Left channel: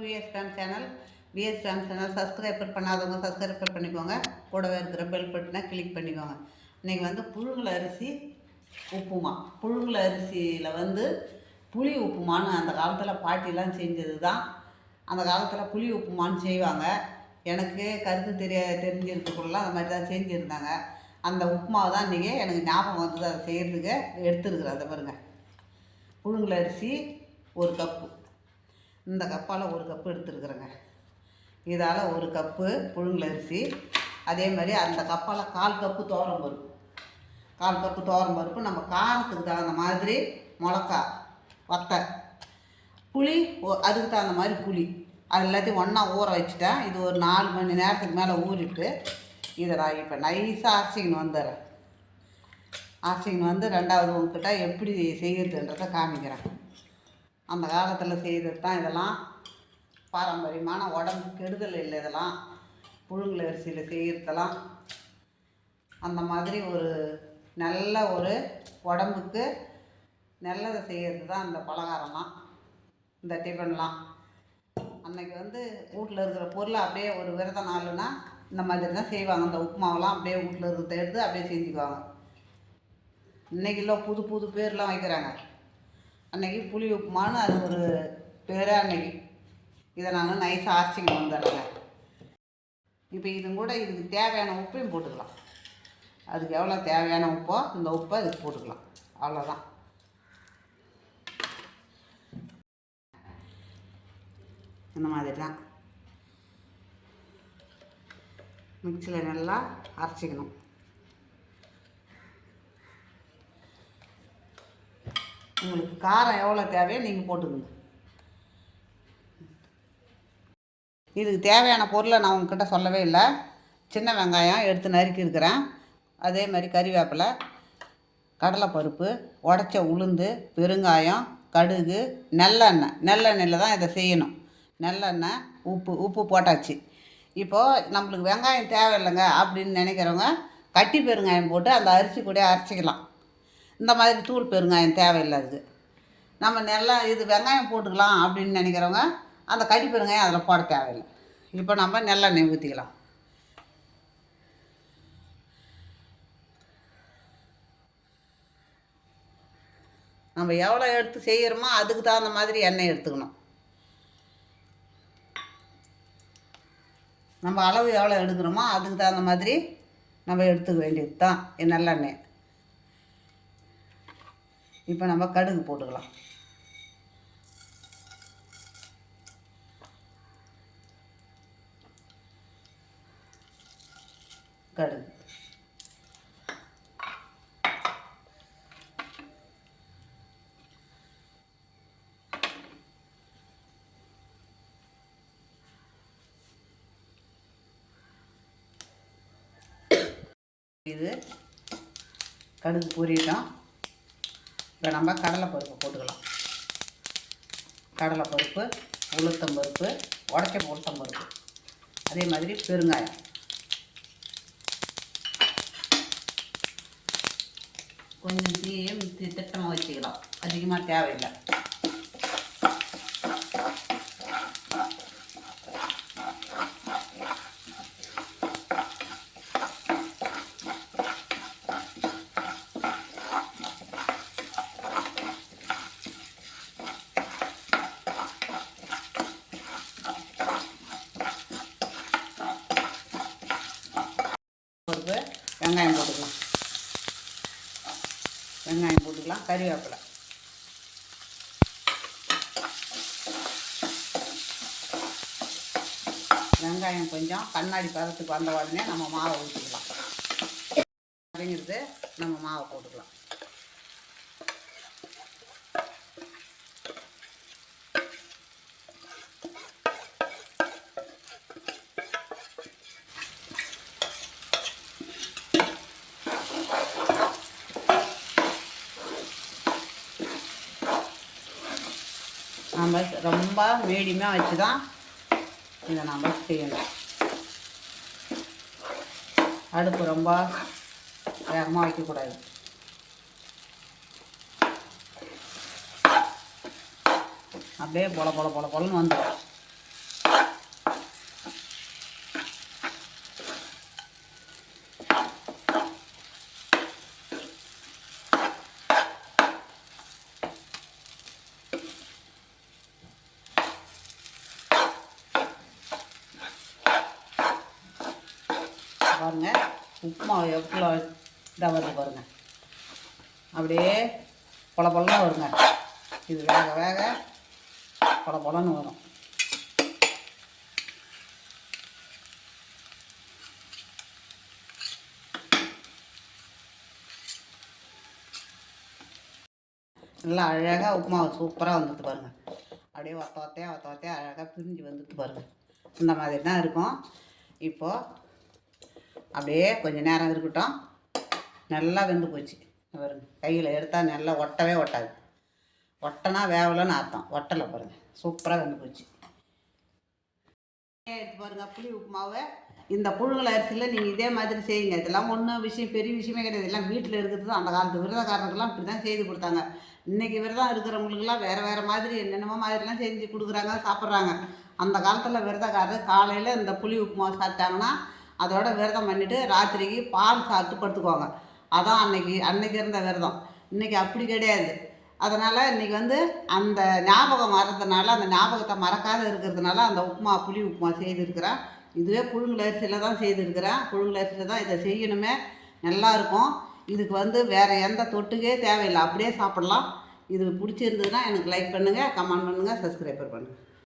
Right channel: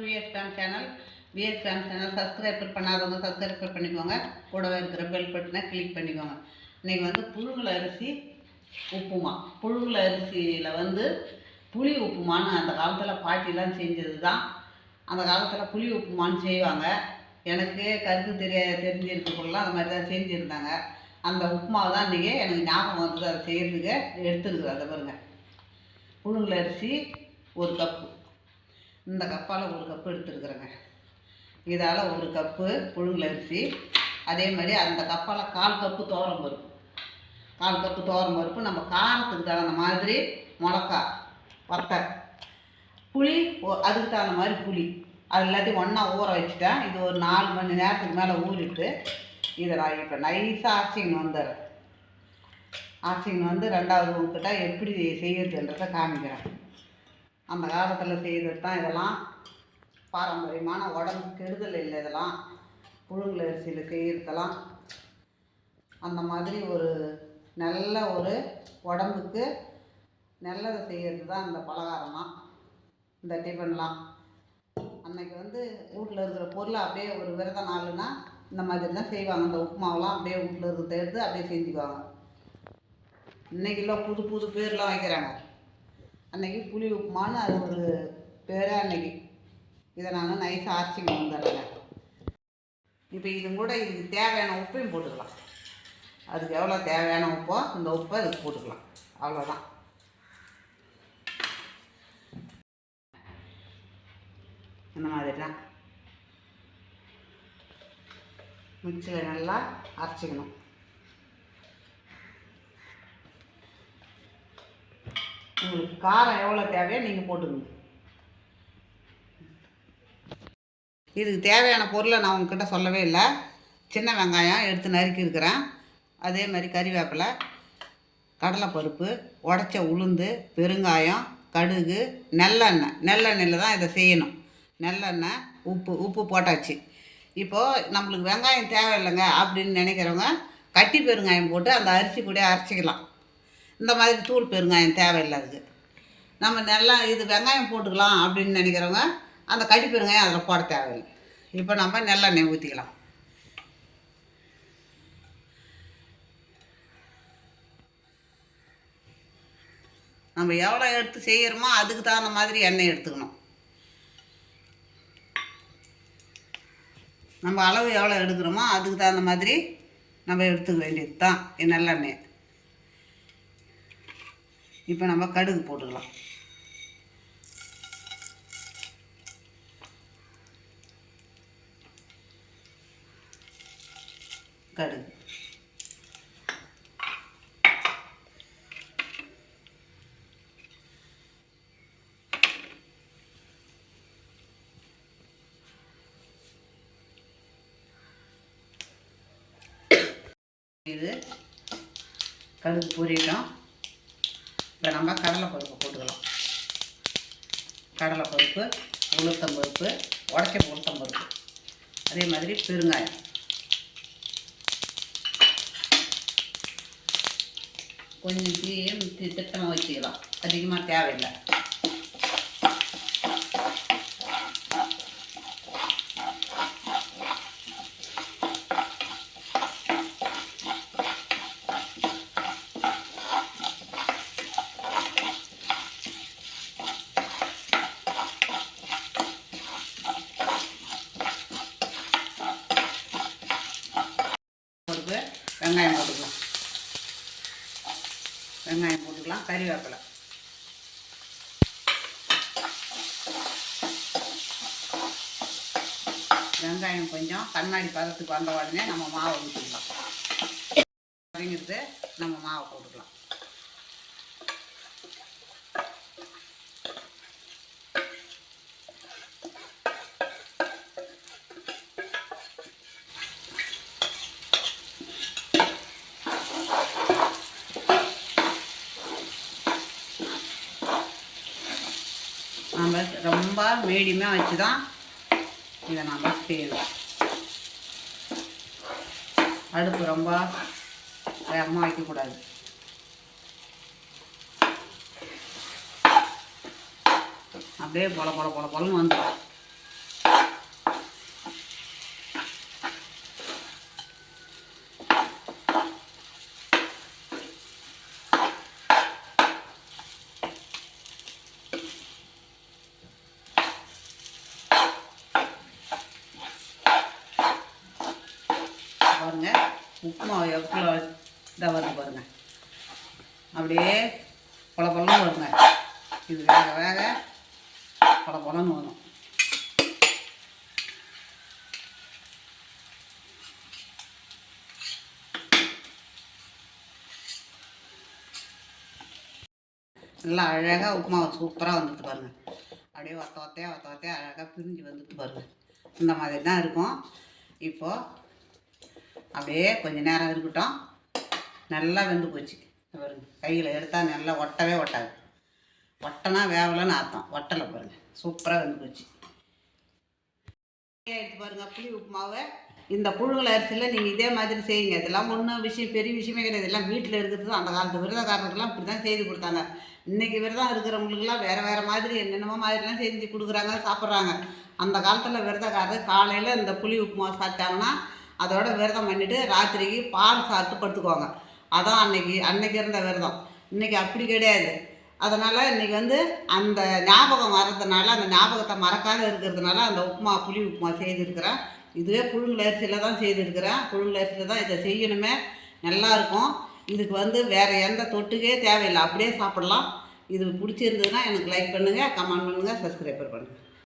VS fan channel VS fan channel subscriber பண்ணாதவங்க subscriber பண்ணிக்கோங்க. கூடவே இருக்கிற பெல் பட்டனை கிளிக் பண்ணிக்கோங்க. இன்றைக்கி வந்து புழுங்கல் அரிசி உப்புமா. புழுங்கல் அரிசியில் வந்து புளி உப்புமான்னு அந்த காலத்தில் பாட்டிலாம் செஞ்சது தான் அந்த காலத்தில் புளி உப்புமான்னு செய்வாங்க. எனக்கு கருத்து தெரிய தெரிஞ்சிருக்கக்குள்ளலாம் அந்த மாதிரி தான் செஞ்சுருந்தாங்க. அந்த உப்புமாவை தான் இன்றைக்கி எனக்கு ஞாபகம் வந்தது. அதை செய்கிறதுக்கு எடுத்துருக்குறேன். அதை பாருங்கள் புழுங்கல் அரிசி ஒரு கப்பு. இந்த கப்பால் ஒரு கப்பு எடுத்துருக்குறேங்க. இதால் ஒரு கப்பு புழுங்கலரிசி அதே மாதிரி அந்த கப்பால் கால் கப்பு தோரம் பருப்பு. கால் கப்பு தோரம் பருப்பு நம்ம காரத்துக்கு தகுந்த மாதிரி மிளகா வத்தை புளி அதுக்கு தகுந்த மாதிரி புளி. அது எல்லாத்தையும் ஒன்றா ஊற வச்சுட்டேன் இது ஒரு நாலு மணி நேரத்துக்கு மேலே ஊறிட்டு இதை நான் இப்போ நைஸாக அரிசிங்கன்னு வந்துடுறேன். அரிசிங்கன்னு வந்து ரெண்டாவது உங்ககிட்ட எப்படி செய்யறதுன்றதை காமிக்கிறேன். அந்த காலத்தில் செய்கிறது தான் இதெல்லாம். பாரம்பரியமான உடம்பு கெடுதல் இல்லை இதெல்லாம். புழுங்கல் அரிசியில் செய்கிறதெல்லாம் அந்த மாதிரி ஒரு நல்ல ஒரு உடம்புக்கு நல்லதை செய்கிறது தான் இந்த பலகாரம்லாம் இந்த டிஃபன்லாம். அன்னைக்கு வந்து வீட்டில் இருக்கிற பொருளை அப்படியே ஒரு விரத நாளுன்னா இந்த மாதிரி தான் செய்வாங்க. அந்த உப்புமாவெல்லாம் அப்படியே வீட்டில் இருக்கிறத எடுத்து அப்படியே செஞ்சுக்குவாங்க. இன்றைக்கெல்லாம் புது புது பேர்லாம் வைக்கிறாங்க. அன்றைக்கி புளி உப்புமான்னு அது ஒரு பேரே அன்னைக்கு. இதை நாங்கள் நைஸ் அரைச்சிங்க வந்துடுறேங்க இப்போ இது கூட இதுக்கு தேவையான உப்பையும் போட்டுக்கலாம். அதுக்கு எவ்வளோ தேவையான உப்போ இந்த உப்பை இதுக்கு போட்டுக்கலாம். அவ்வளோதான். இந்த மாதிரி தான் மிக்சியில் நல்லா அரைச்சிக்கணும். உங்களுக்கு காரம் எவ்வளோ தேவையோ நீங்கள் போட்டுக்கணும் இதுக்கு தேவையான பொருளை நான் உங்ககிட்ட சொல்லவே இல்லை. சின்ன வெங்காயம் எடுத்து நறுக்கி இருக்கிறேன். அதே மாதிரி கறிவேப்பிலை கடலைப்பருப்பு உடச்ச உளுந்து பெருங்காயம் கடுகு நெல்லெண்ணெய். நல்லெண்ணெயில் தான் இதை செய்யணும். நல்லெண்ணெய் உப்பு உப்பு போட்டாச்சு. இப்போது நம்மளுக்கு வெங்காயம் தேவையில்லைங்க அப்படின்னு நினைக்கிறவங்க கட்டி பெருங்காயம் போட்டு அந்த அரிசி கூட அரைச்சிக்கலாம். இந்த மாதிரி தூள் பெருங்காயம் தேவையில்லை அதுக்கு நம்ம நல்லா இது வெங்காயம் போட்டுக்கலாம் அப்படின்னு நினைக்கிறவங்க அந்த கடி பெருங்காயம் அதில் போட தேவையில்லை. இப்போ நம்ம நல்லெண்ணெய் ஊற்றிக்கலாம் நம்ம எவ்வளோ எடுத்து செய்கிறோமோ அதுக்கு தகுந்த மாதிரி எண்ணெய் எடுத்துக்கணும். நம்ம அளவு எவ்வளோ எடுக்கிறோமோ அதுக்கு தகுந்த மாதிரி நம்ம எடுத்துக்க வேண்டியது தான் நல்லெண்ணெய். இப்போ நம்ம கடுகு போட்டுக்கலாம். கடுகு. இது கடுகு பொரியட்டும் இப்போ நம்ம கடலைப்பருப்பு போட்டுக்கலாம். கடலைப்பருப்பு உடைக்க உடச்ச உளுத்தம்பருப்பு. அதே மாதிரி பெருங்காயம். கொஞ்சம் திட்டமாக வச்சுக்கலாம். அதிகமாக தேவையில்லை. பருப்பு வெங்காயம் போட்டுக்கலாம். வெங்காயம் போட்டுக்கலாம் கறிவேப்பிலை. வெங்காயம் கொஞ்சம் கண்ணாடி பதத்துக்கு வந்த உடனே நம்ம மாவை ஊற்றிக்கலாம். அப்படிங்கிறது நம்ம மாவை போட்டுக்கலாம். நம்ம ரொம்ப மீடியமாக வச்சு தான் இதை நம்ம செய்யணும். அடுப்பு ரொம்ப வேகமாக வைக்கக்கூடாது. அப்படியே பொல பொல பொல பொலன்னு வந்துடும். உப்புமா எவ்வளோ இதாக வருது பாருங்க. அப்படியே பொல பொலன்னு வருங்க. இது வேக வேக பொல பொலன்னு வரும். நல்லா அழகாக உப்புமா சூப்பராக வந்துட்டு பாருங்க. அப்படியே ஒத்த ஒத்தையாக ஒத்த ஒத்தையாக அழகாக பிரிஞ்சு வந்துட்டு பாருங்க. இந்த மாதிரி தான் இருக்கும். இப்போது அப்படியே கொஞ்ச நேரம் இருக்கட்டும். நல்லா வெந்து போச்சு. பாருங்க கையில் எடுத்தால் நல்லா ஒட்டவே ஒட்டாது. ஒட்டனா வேவலைன்னு அர்த்தம். ஒட்டலை பாருங்க சூப்பராக வெந்து போச்சு. எடுத்து பாருங்க புளி உப்புமாவை. இந்த புழுங்கல் அரிசியில் நீங்கள் இதே மாதிரி செய்யுங்க. இதெல்லாம் ஒன்றும் விஷயம் பெரிய விஷயமே கிடையாது. எல்லாம் வீட்டில் இருக்கிறது அந்த காலத்து விரதக்காரர்கள்லாம் இப்படி தான் செய்து கொடுத்தாங்க. இன்றைக்கி விரதம் இருக்கிறவங்களுக்குலாம் வேறு வேறு மாதிரி என்னென்னமோ மாதிரிலாம் செஞ்சு கொடுக்குறாங்க சாப்பிட்றாங்க. அந்த காலத்தில் விரதக்காரர் காலையில் இந்த புளி உப்புமா சாப்பிட்டாங்கன்னா அதோட விரதம் பண்ணிவிட்டு ராத்திரிக்கு பால் சாப்பிட்டு படுத்துக்குவாங்க. அதான் அன்னைக்கு அன்னைக்கு இருந்த விரதம். இன்றைக்கி அப்படி கிடையாது. அதனால் இன்றைக்கி வந்து அந்த ஞாபகம் வர்றதுனால அந்த ஞாபகத்தை மறக்காத இருக்கிறதுனால அந்த உப்புமா புளி உப்புமா செய்திருக்கிறேன். இதுவே புழுங்கலரிசியில் தான் செய்திருக்கிறேன். புழுங்கலரிசியில் தான் இதை செய்யணுமே. நல்லாயிருக்கும் இதுக்கு வந்து வேறு எந்த தொட்டுக்கே தேவையில்லை. அப்படியே சாப்பிட்லாம். இது பிடிச்சிருந்ததுன்னா எனக்கு லைக் பண்ணுங்கள் கமெண்ட் பண்ணுங்கள் சப்ஸ்கிரைபர் பண்ணுங்கள்